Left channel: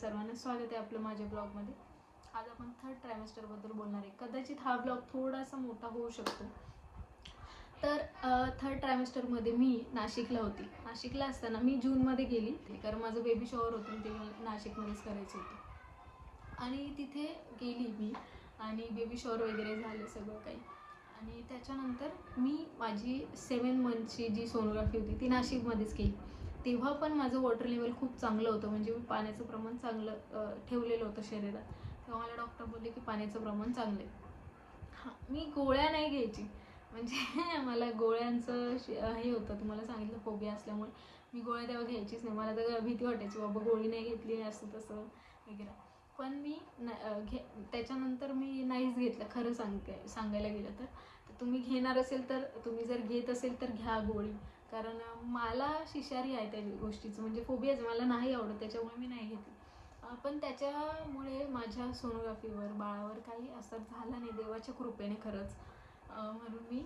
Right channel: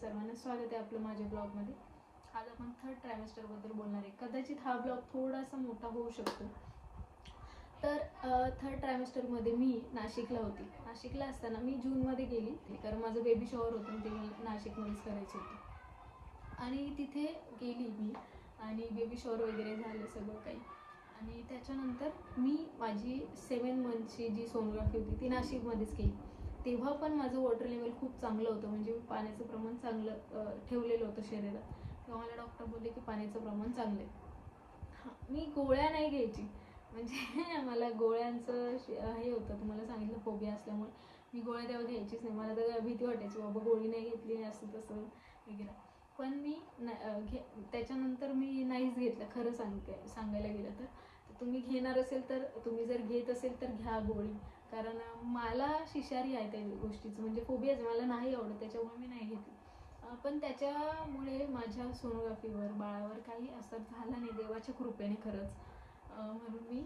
सर्वांना स्वागत आहे आपलं माझ्या ब्लॉगमध्ये। आज आपण थर्ड ट्रायमेस्टरबद्दल बोलणार आहे। कदाचित हा ब्लॉग थोडासा मोठा होऊ शकतो। तर थर्ड ट्रायमेस्टरमध्ये मी नाशिकला होती। नाशिकला असताना मी जूनमध्ये गेली, कारण माझं बेबी शॉवर होतं ते मला नाशिकमध्येच करायचं होतं। आणि तिथे गेली मी आणि बेबी शॉवर वगैरे झालं सगळं काही। आणि त्याच्यानंतर मी माझी 7 मंथची जी सोनोग्राफी होती ती नाशिकमध्येच केली। तेव्हा पण माझं वॉटर लेवल खूप चांगलं होतं, म्हणजे मी पाण्याचं प्रमाण चांगलं ठेवलेलं होतं शरीरात। तेव्हा मला डॉक्टर बोलले की पाण्याचं प्रमाण चांगलं आहे। हां, मी गोळ्या नाही घ्यायची, म्हणजे मला गोळ्यांचं हे होतं, तुम्हाला सांगितलं फोबिया असल्यामुळे मी गोळ्या तेव्हा घ्यायचीच नाही। मला तर भीती वाटायची, बाबा गोळी नाही घेतली असं तसं वगैरे। पण मी त्याच्यानंतर मी नाहीच घेतलं, खरं सांगायला गेलं तर। तुम्ही घेणार असेल तर, तुम्ही जर घेत असेल तर घ्या गोळी, कारण मला शिशारी आहे त्या गोष्टीचं, म्हणजे फोबियाच मला नाही आवडत, त्याच्यामुळे मी नाही घेतली। पण त्याच्यामुळे माझ्या सोनोग्राफीवर बाळावर काही असर झाला नाही, देवाच्या कृपेने खरंच। म्हणून मी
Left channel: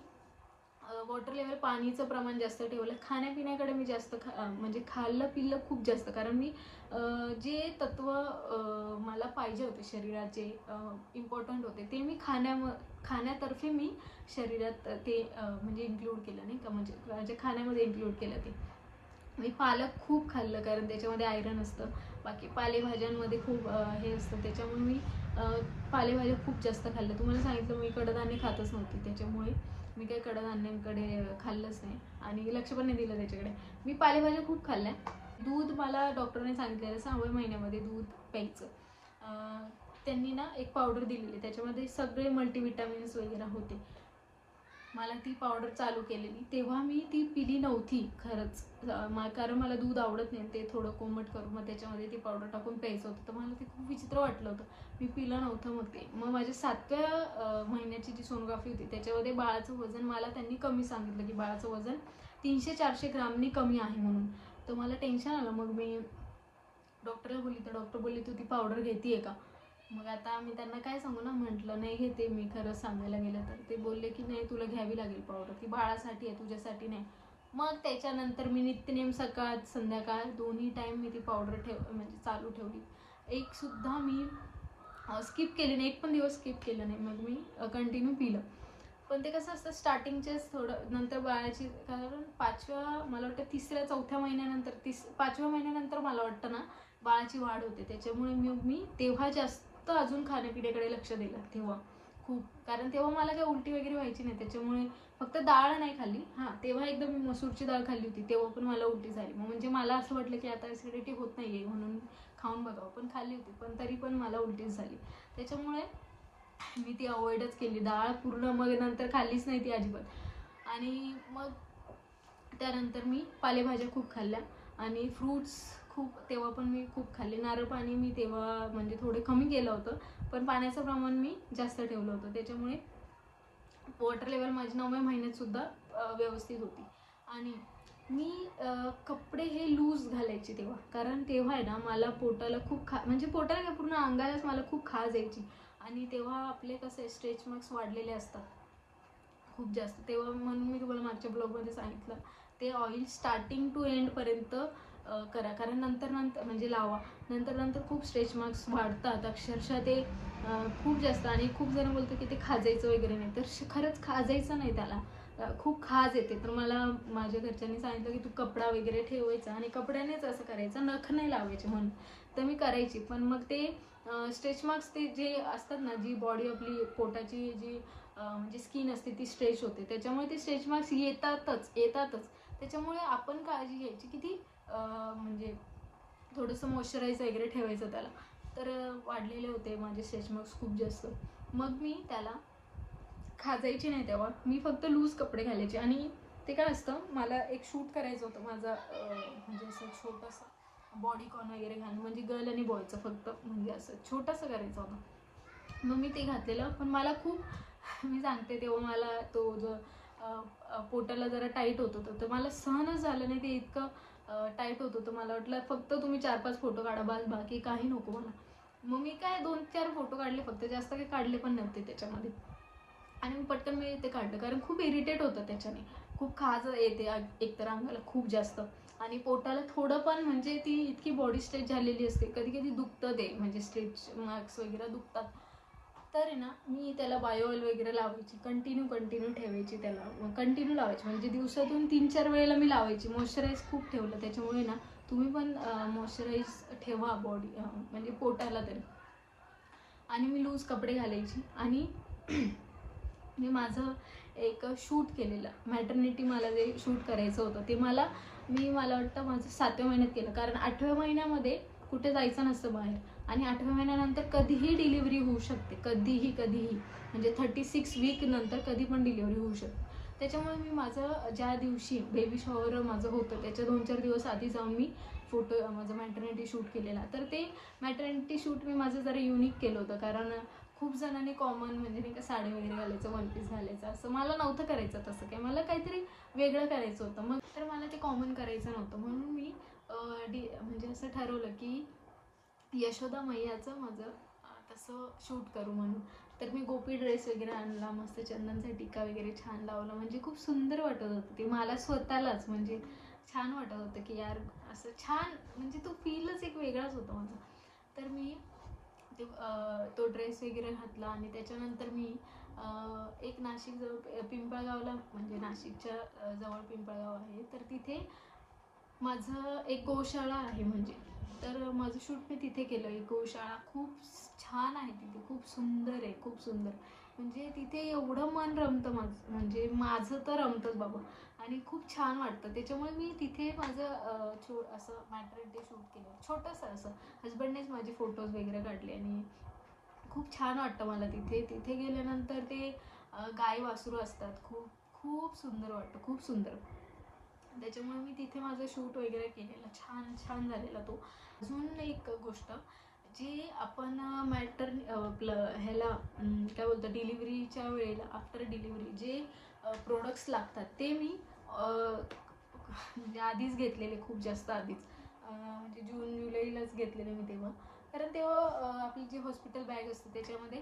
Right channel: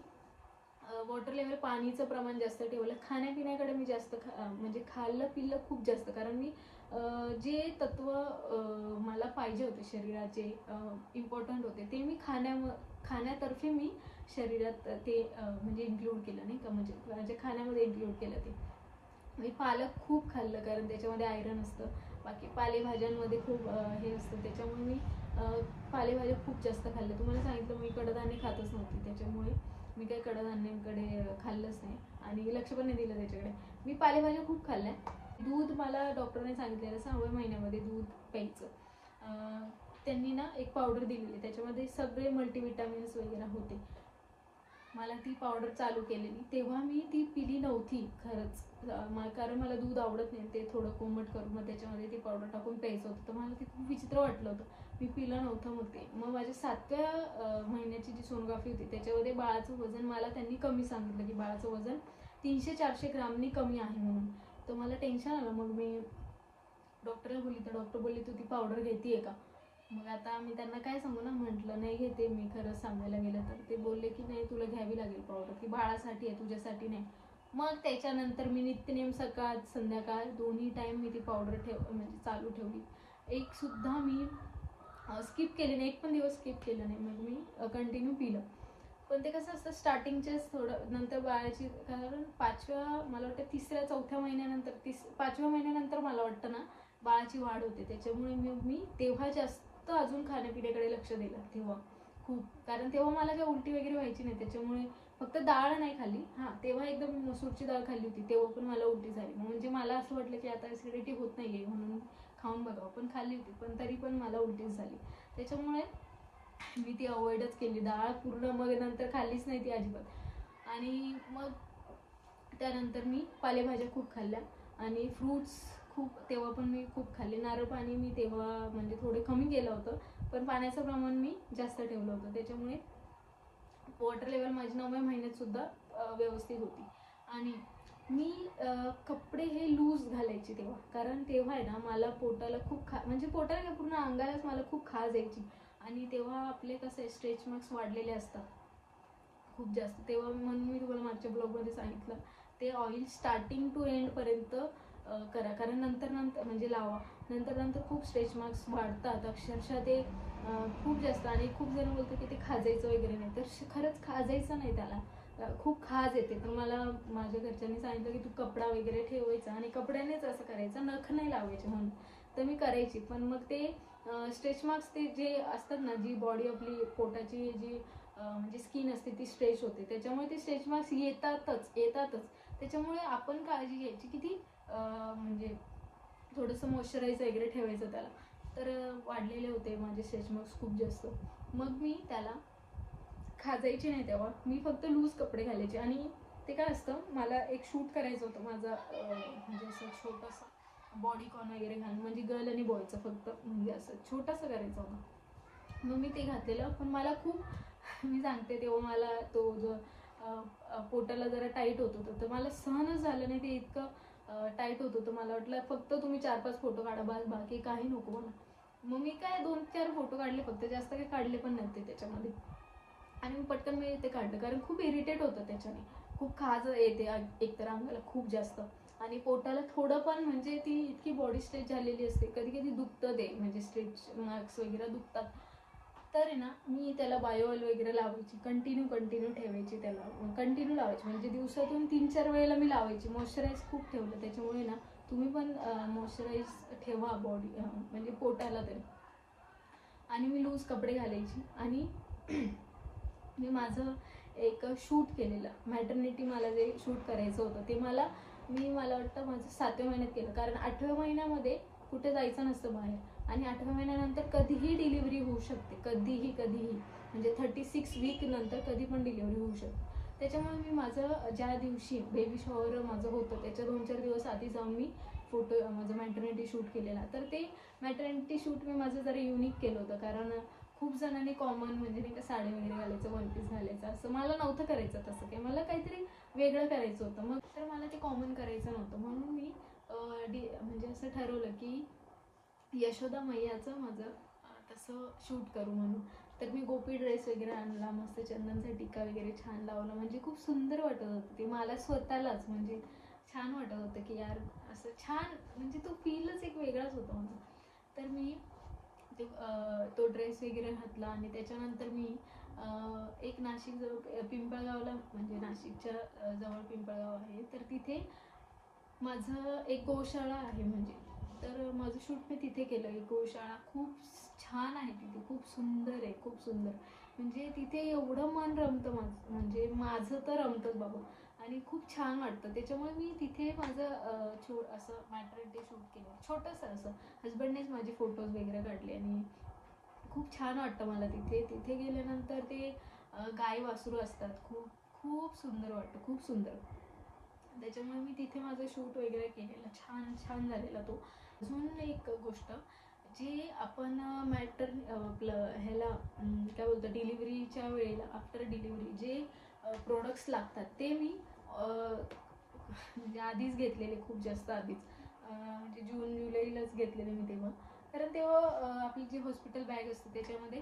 वॉटर लेवल पाणीचं प्रमाण जास्त ठेवलं। खाण्यापिण्याकडे मी जास्त म्हणजे खाल्लं पिल्लं खूप जास्त, कारण मी जे तत्व मला पाहिजे होते शरीराचे, इम्पॉर्टंट होते, ते मी खाण्यातर्फे मी शरीरात ते म्हणजे इन्क्लूड केलं, नाही का, म्हणजे खाण्यामध्ये इन्क्लूड केलं ते मी पालक खूप खाल्लं, कारण त्याच्यामध्ये आयरन असतं। बाकी पालेभाज्यांमध्ये खूप हे असतं, त्याच्यामुळे मी पालेभाज्या खूप जास्त खाल्ल्या। तुम्हाला सांगितलं मी कडधान्य खातच नव्हती, त्याच्यामुळे मी काही कडधान्यांकडे खाल्लंच नाही आणि लक्ष पण नाही दिलं त्याच्याकडे। मी पालेभाज्या खूप खाल्ल्या। दूध मला डॉक्टरने सांगितलेलं 6व्या महिन्यामध्ये दूध प्यायचं। त्यांनी ना एक पावडर दिलेली, त्याच्यामध्ये सगळे मल्टीविटामिन्स वगैरे होते। मला ती पावडर चालू केलेली, तेव्हा मी ती पिली नव्हती खरंच, कारण मला दूध आवडत नाही। ते थोडं कोमट करून मग त्याच्यामध्ये ती पावडर टाकून प्यायचं होतं, तर मला ते खूप विचित्र वाटलं होतं, मी पिलं नव्हतं। मग ते माझ्या 7व्या महिन्याची जी सोनोग्राफी होती त्याच्यामध्ये बाळाचं वजन मला त्यांनी कमी सांगितलं, की बाळाचं वजन 300-400 ग्रामनी कमी आहे म्हणून। तर मला टेन्शन आलं, मग मी डॉक्टरला बोलली, तर डॉक्टर बोलली तू ती पावडर घेतीये का? मग आता मी त्यांना काय सांगू ना, म्हटलं नाही घेते मी, खरंच सांगायला गेलं तर। ते बोलले की नाही, तुला घ्यावी लागेल पावडर, ती बाळासाठी आहे, तुझ्यासाठी नाही। मग त्याच्यानंतर मी नित्यनेम सकाळ संध्याकाळ दोन्ही टाईम मी ती पावडर म्हणजे चालू ठेवली। एक सुद्धा मी स्किप केली नाही, एक पण दिवस स्किप केलं नाही, मग मी कंटिन्यू पिलं। पण ते कसं असतं, स्टार्टिंगचेच थोडं नंतर बाळाची, कारण मला वाटतं 3ऱ्या-4थ्या महिन्यानंतर 5व्या महिन्यानंतर मला वाटतं ना बाळाची वाढ होते, त्याच्यामुळे मी तेव्हा जास्त अजून खाण्यापिण्याकडे लक्ष दिलं तेव्हा खूप, कारण तेव्हा मला काही उलटी वगैरे व्हायची नाही, त्याच्यामुळे फक्त डाळ नाही खाल्ली। हां, तेव्हा एकदम मी मसूरची डाळ खाल्ली होती, तेव्हा पण मला उलटी झाली। म्हणजे मला असं वाटलं की आता ॲसिडिटी होत नाही आहे म्हणून खाऊन बघावं, पण खाल्ली होती, पण तरी पण मला उलटीच झाली, त्याच्यामुळे मी ती अवॉइडच केली डाळ पूर्ण। मग नंतर खाल्लीच नाही ती अजिबात। आणि मग त्यानंतर मी पालेभाज्या खूप खाल्ल्या आणि फ्रूट्स खूप, तेव्हा पण मी खूप खाल्ले। नारळ पाणी मी तेव्हा म्हणजे थोडे कमी केलं होतं, पण पाण्याचं प्रमाण मी जास्त ठेवलं होतं, त्याच्यामुळे वॉटर लेवल माझी 9व्या महिन्यात सुद्धा व्यवस्थित होती। आणि मी कपडे हे लूज घालायचे तेव्हा, कारण तेव्हा आहे ना मला पोटाला खूप म्हणजे पोटाला काय, पूर्ण अंगालाच मला खूप खाज यायची। आणि तेव्हा आपले कसे स्ट्रेच मार्क्स वाढलेले असतात खूप जास्त, तेव्हा म्हणून मी तुम्हाला मागच्या ब्लॉगमध्ये सांगितलं, ते ऑइल स्टार्टिंग टू एंडपर्यंत करा, कारण नंतर म्हणजे लावा, नंतर खूप स्ट्रेच मार्क्स वाढतात अक्षरशः, ते खूप जास्त। आणि खूप जण बोलतात की ते खाजायचं वगैरे नाही, तर खरंच खाजायचं नाही त्याला, खूप खाज येते। तर मला माझ्या घरच्यांनी सांगितलं की तू कपडा वगैरे ठेवायचा आणि कपड्यानेच असं करायचं, नख नाही लावायचे म्हणून। तर मी करायची, पण मग ते स्ट्रेच मार्क्स ते जे असतात ना, जी बॉडी आपली पोटाची जी म्हणजे स्किन असते ती स्ट्रेच होते, त्याच्यामुळे ते स्ट्रेच मार्क्स येतातच। त्याच्यामुळे आपण काळजी घ्यायची की ती म्हणजे थोडंसं मॉइश्चराईज वगैरे ठेवायचं त्याला। तर वाढलेले होते माझे स्ट्रेच मार्क्स खूप जास्त, मग मी त्याला खाजायची नाही तेव्हा, मी फक्त लूज कपडे घालायचे। आणि ते काय असतं, मला एक शूट करायचं होतं माझा, म्हणजे असं छोटंसं बॉडीकॉन वगैरे घालून, म्हणजे गर्ल आणि बॉयचं फक्त, म्हणजे असं छोटंसं करायचं होतं। मग मी ते घातलेलं, पण मला खूप मी सांगते तेव्हा मला तो जो पोटाला जरा टाईट होत होतं, तर मला सहनच झालं नाही, ते इतकं टाईट होत होतं। मला वाटलं फक्त तुम्ही 4-5 फोटो काढा बस, बाकी काही नको मला। मग मी काय 2-4 फोटो काढले फक्त, जास्त काही काढले पण नव्हते त्याच्यामध्ये। आणि मी ते काढलं, कारण खूप इरिटेट होतं त्याच्याने, खूप खाज येते एकतर अंगाला खूप जास्त। आणि पोटाला थोडं पण म्हणजे ती इतकी बॉडी स्ट्रेच झालेली असते, कधी कधी दुखतं ते, म्हणजे स्ट्रेच मार्क्स वगैरे दुखतात. तर आहे ना मी त्याला बायो ऑइल वगैरे लावायची, कंटिन्यू ठेवायची, त्याला कंटिन्यू लावायची, म्हणजे दिवसातून 3-4 वेळेला मी लावायची. मॉइश्चराईज खूप ठेवलं, त्याच्यामुळे ना तुम्ही पण मॉइश्चराईज ठेवा बॉडी, म्हणजे पोटाला तरी. आणि मी लूज कपडे घालायची. आणि मी माझं एक शूट केलेलं मॅटर्निटी, मला जे शूट करायचं होतं ते मला वाटतं माझं 7व्या महिन्यात केलं, कारण 8व्या महिन्यामध्ये कुठे जायचं नसतं बाहेर, आणि 8व्या महिन्यानंतर कधीही डिलिव्हरी होऊ शकते, कधीही म्हणजे 36 वीक नंतर कधी पण डिलिव्हरी होऊ शकते. त्याच्यामुळे मी माझं ज्या दिवशी बेबी शॉवर माझं होतं त्याच्या 2-4 दिवस आधी जाऊन मी माझं मॅटर्निटी शूट केलेला. तर ते मॅटर्निटी शूट मी माझं जरा युनिक केलं होतं, कारण खूप जणांनी कॉमन म्हणजे नाही का साडी वगैरे घालायचं, वन पीस घालायचं, असं मला नव्हतं करायचं. तसं काय मला काहीतरी वेगळं करायचं होतं, मग तर मला ते कॉमन करायचं नव्हतं, म्हणून मी म्हणजे असं ठरवलं की यशोदा मैयाचं माझं तसं शूट करू म्हणून. तर मी गोपी ड्रेस वगैरे आणला, मस्त चंदनचा टिक्का वगैरे छान लावला, म्हणजे खूप सुंदर वाटत होतं ते मला स्वतःलाच, म्हणजे छान वाटत होतं की यार असं छान, म्हणजे तो फीलच एक वेगळाच होता माझा. तर मी तो ड्रेस वगैरे घातला. आणि त्याच्यानंतर मी एक नाशिक जवळ पिंपळगावला, म्हणजे नाशिकच्या जवळ पिंपळगाव आहे, तर तिथे माझं एक गोशाळा आहे, म्हणजे तर माझं शूट मी तिथे केलं. एक गोशाळा खूप छान आहे तिथे, खूप सुंदर आहे, खूप सुंदर, म्हणजे तिथे एवढं मन रमतं माझं, म्हणजे माझं तर रमतंच बाबा, आणि खूप छान वाटतं. त्याच्यामुळे मी तिथे माझं असं मॅटर्निटी शूट केलं, छोटंसं असं. हजबंडनेच माझे फोटोज वगैरे काढले, आणि खूप छान वाटतं मला तिथे गेल्यानंतर. ते गाय वासरू असतात, खूप खूप सुंदर वाटतं, खूप सुंदर. त्याच्यामुळे मी तिथे माझं शूट वगैरे केलेलं, छान झालेला तो. अजून एक गोष्ट, जी आपण ह्याला काय बोलतो, डिलिव्हरीच्या वेळेला, आफ्टर डिलिव्हरी जे प्रोडक्ट्स लागतात ते मी म्हणजे आधीच घेतलेले, खूप जास्त आधीच, म्हणजे जून जुलैलाच घेतलेले मी तेव्हा. कारण तेव्हा आपली जी हॉस्पिटल बॅग असते त्याच्यामध्ये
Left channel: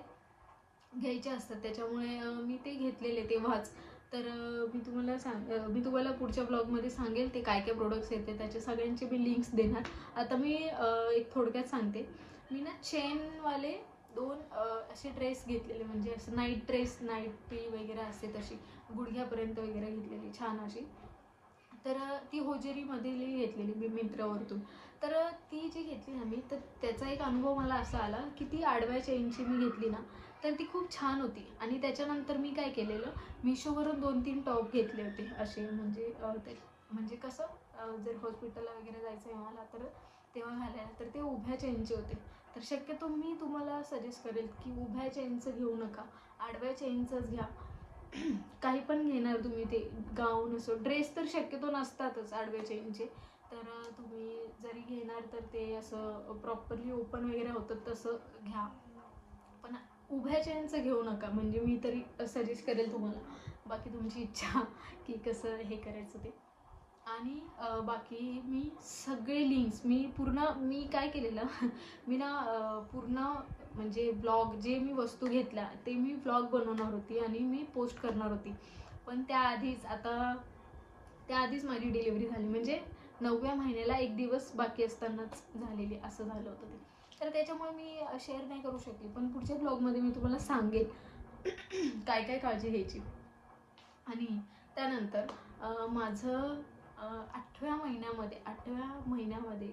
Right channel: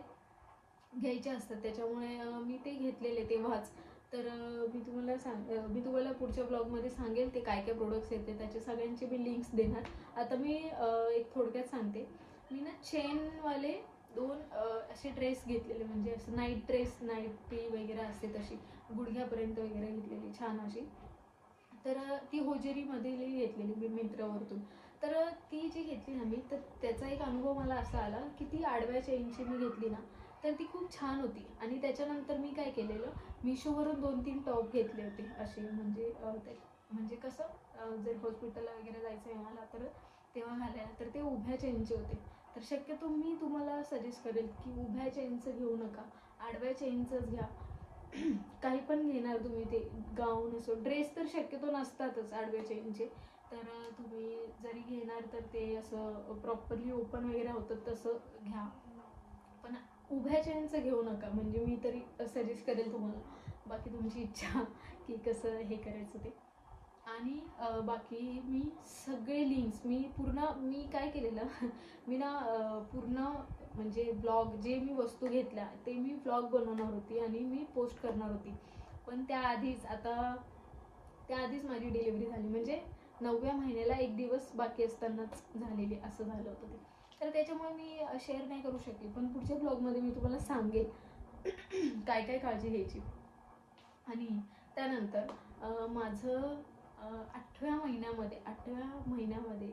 घ्यायचे असतात, त्याच्यामुळे मी ते घेतलेले तेव्हाच. तर मी तुम्हाला पुढच्या ब्लॉगमध्ये सांगेल ते काय काय प्रोडक्ट्स येते, त्याचे सगळ्यांचे मी लिंक्स देणार. आता मी एक थोडक्यात सांगते. मी ना चेनवाले 2 असे ड्रेस घेतलेले, म्हणजे असं नाईटी वगैरे असते तशी, गुडघ्यापर्यंत वगैरे घेतलेली छान अशी. तर ती होजेरीमधली घेतलेली मी मिंत्रावरतून. तर ती जी घेतली ना मी, तर त्याचा एक अनुभव मला असा आला की ती आडव्या चेनची मी घेतली ना, तर ती खूप छान होती. आणि त्याच्यानंतर मी काय केलेलं, मिशोवरून 2-3 टॉप घेतले होते असे, म्हणजे म्हणजे कसं जर हॉस्पिटलला वगैरे जायचं आहे मला, तर तेव्हा घालायला, तर ते उभ्या चेनचे होते. तर शक्यतो मी तुम्हाला सजेस्ट करेल की उभ्या चेनचं घेऊ नका, आडव्या चेनचंच घ्या. काही पण घेणार तुम्ही, ते गाऊन असो, ड्रेस तर शक्यतो नसतातच आडव्या चेनचे. तर तुम्ही जरी घेणार तर ते असं प्रॉपरली ओपन वगैरे होतं तसं घ्या, पण उभ्या चेनचं घेऊ नका, म्हणजे मी तरी सजेस्ट करेल तुम्हाला. बाकी तुमची इच्छा की कसं हे करायचं ते. आणि बाकी मी सगळे लिंक्स मी काय केलेलं मी ना पूर्ण म्हणजे ब्लॉग, जे मी वस्तू घेतल्या ते मी ब्लॉग बनवणार होती आणि मी पोस्ट करणार होती. पण त्याआधीच माझी डिलिव्हरी झाली, म्हणजे 9व्या महिन्याला 1 दिवस बाकी असतानाच झालेली, असं झालं होतं ते. तर त्याच्यामुळे मी शेअर नाही करू शकली, पण पुढच्या ब्लॉगमध्ये मी तुम्हाला सांगेल काय काय काळजी घ्यायची. आणि त्यानंतर माझं 8व्या महिन्यामध्ये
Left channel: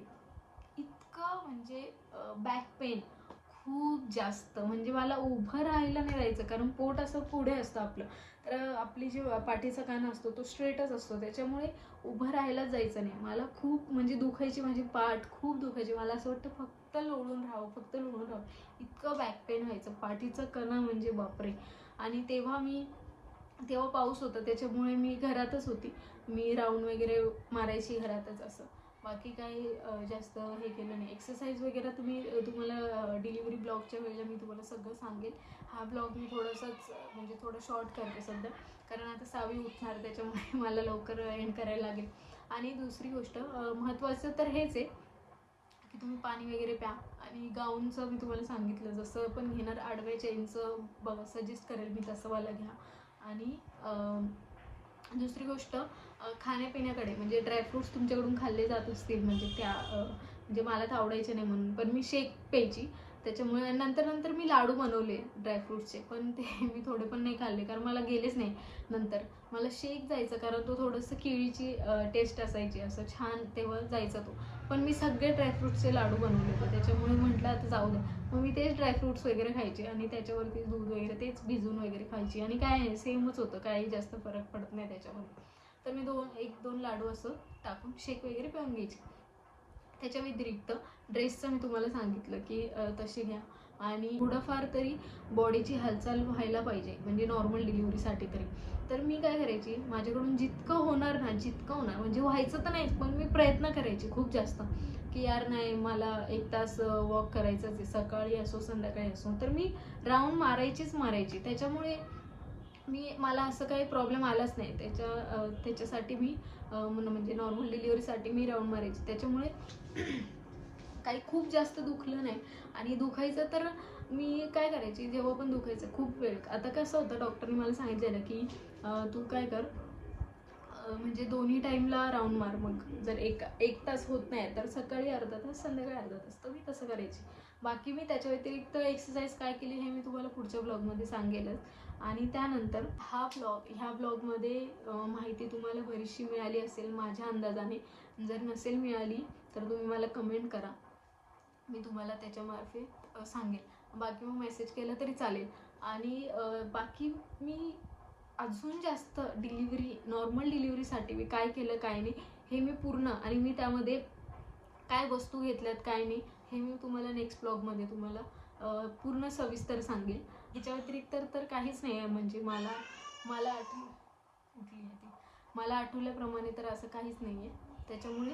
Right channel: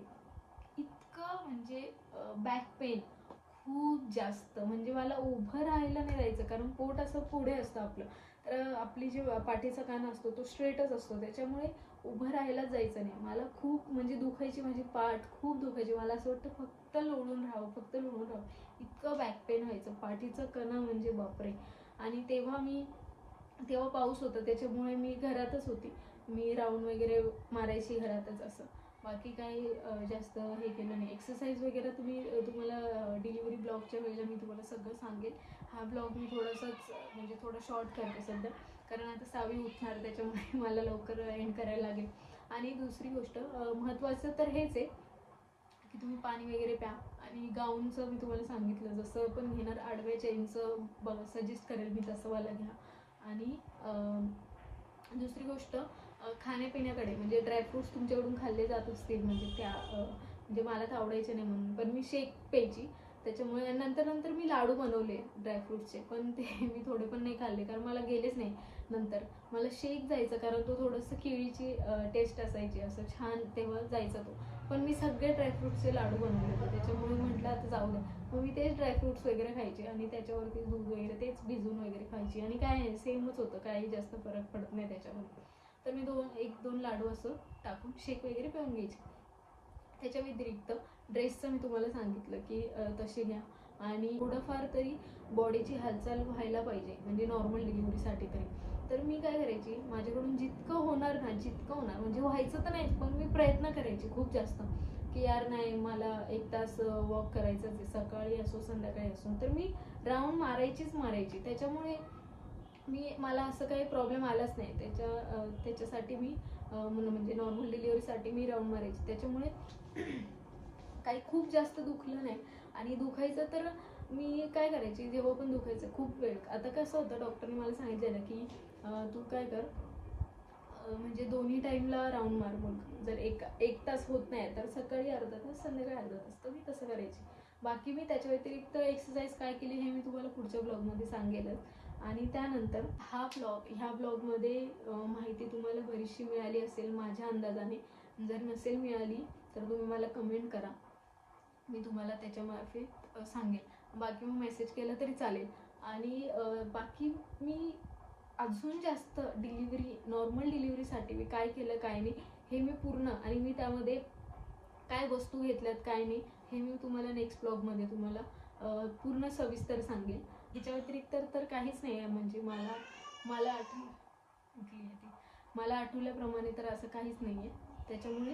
इतकं म्हणजे बॅक पेन खूप जास्त, म्हणजे मला उभं राहायला नाही जायचं, कारण पोट असं पुढे असतं आपलं, तर आपली जी पाठीचा कान असतो तो स्ट्रेटच असतो, त्याच्यामुळे उभं राहायलाच जायचं नाही मला. खूप म्हणजे दुखायची, माझी पाठ खूप दुखायची, मला असं वाटतं फक्त लोळून राहावं, इतकं बॅक पेन व्हायचं, पाठीचं कणा म्हणजे बापरे. आणि तेव्हा पाऊस होता, त्याच्यामुळे मी घरातच होती, मी राऊंड वगैरे मारायची घरातच, असं बाकी काही जास्त हे केलं नाही. एक्सरसाइज वगैरे तुम्हाला डिलिव्हरी ब्लॉगच्या वेळेला मी तुम्हाला सगळं सांगेल. हा ब्लॉग मी म्हणजे थोडं शॉर्ट करते सध्या, कारण आता सावी उठणार, त्याच्यामुळे मला लवकर एंड करायला लागेल. आणि दुसरी गोष्ट महत्त्वाचं तर हेच आहे की तुम्ही पाणी वगैरे प्या. आणि गाऊनचं मी तुम्हाला सांगितलं, जसं पण घेणार आडव्या चेनचं बघा, सजेस्ट करेल मी तसं वाला घ्या. आणि दुसरी गोष्ट खाण्यापिण्याकडे, म्हणजे ड्रायफ्रुट्स तुमच्याकडून खाल्ले जात असतील, म्हणजे म्हणजे मला तर आवडायचे नाही म्हणून, पण मी शेक प्यायची. त्याच्यामुळे नंतर मी लाडू बनवले ड्रायफ्रुट्सचे, पण ते मी थोडे पण नाही खाल्ले कारण मला गेलेच नाही. नंतर मला शेक जायचं कारण तो थोडंसं केळीची टेस्ट असायची, असं छान तेव्हा जायचा तो. पण मी सगळे ड्रायफ्रुट्सचे लाडू बनवले होते, त्याच्यामुळे म्हटलं आता जाऊ द्या. मग मी तेच ड्रायफ्रुट्स वगैरे खायचे आणि त्याच्यावरती दूध वगैरे तेच भिजून वगैरे खायची, आणि काय सेमच होतं, काही जास्त फरक पडत नाही त्याच्यामध्ये. तर मी 1-2 लाडू असं टाकून शेक वगैरे पिऊन घ्यायचे. त्याच्या व्यतिरिक्त ड्रेसचं मी तुम्हाला सांगितलं की तसे घ्या, आणि थोडंफार तरी बॉडीची हालचाल व्हायला पाहिजे, म्हणजे नॉर्मल डिलिव्हरीसाठी तरी. तर मी काय करायची, माझ्याकडून जितकं होणार ना, जितकं होणार, म्हणजे व्हायचं तर नाहीच, पण मी प्रयत्न करायची खूप जास्त, की यार नाही, मला 1 तास वॉक करायचंच आहे, सकाळी असो संध्याकाळी असो. तर मी राऊंड मारायची. त्याच्यामुळे मला असं काही प्रॉब्लेम आलाच नाही. त्याच्यासाठी मी म्हणजे नॉर्मल डिलिव्हरीसाठी मी राऊंड मारायची. त्याच्यामुळे काही खूप जास्त दुखलं नाही. आणि दुखायचं तर मी काय करायची, जेव्हा पण दुखायचं खूप वेळ, आता कसं होतं, डॉक्टरने मला सांगितलेलं की तू काय कर, म्हणजे दोन्ही टाईमला राऊंड मार. मग जर एक तास होत नाही तर सकाळी अर्धा तास, संध्याकाळी अर्धा तास. तर मी तसं करायची. बाकी मी त्याच्या व्यतिरिक्त एक्सरसाइज काय केली हे मी तुम्हाला पुढच्या ब्लॉगमध्ये सांगेलच. आणि त्यानंतर ह्या ब्लॉगमध्ये माहिती तुम्हाला बरीचशी मिळाली असेल माझ्या अंदाजाने. जर नसेल मिळाली तर तुम्ही मला कमेंट करा, मी तुम्हाला त्याच्यामार्फत सांगेल. बाकी मग मेसेज केलं तरी चालेल. आणि बाकी मी अजून जास्त नॉर्मल डिलिव्हरीसाठी मी काय केलं काय नाही हे मी पूर्ण, आणि मी त्यामध्ये काय वस्तू घेतल्यात काय नाही हे मी तुम्हाला नेक्स्ट ब्लॉगमध्ये तुम्हाला पूर्ण सविस्तर सांगेल. ह्याच्या व्यतिरिक्त तर काहीच नाही आहे, म्हणजे मला आठवल्याप्रमाणे तर असं काहीच नाही आहे. त्याच्यामुळे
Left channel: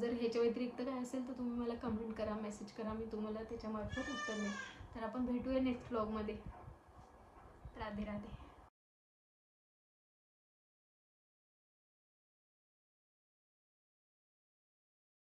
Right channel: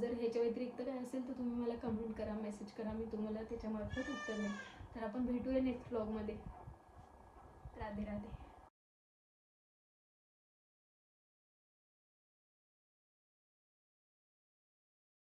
जर ह्याच्या व्यतिरिक्त काय असेल तर तुम्ही मला कमेंट करा, मेसेज करा, मी तुम्हाला त्याच्यामार्फत उत्तर देईन. तर आपण भेटूया नेक्स्ट ब्लॉगमध्ये. राधे राधे.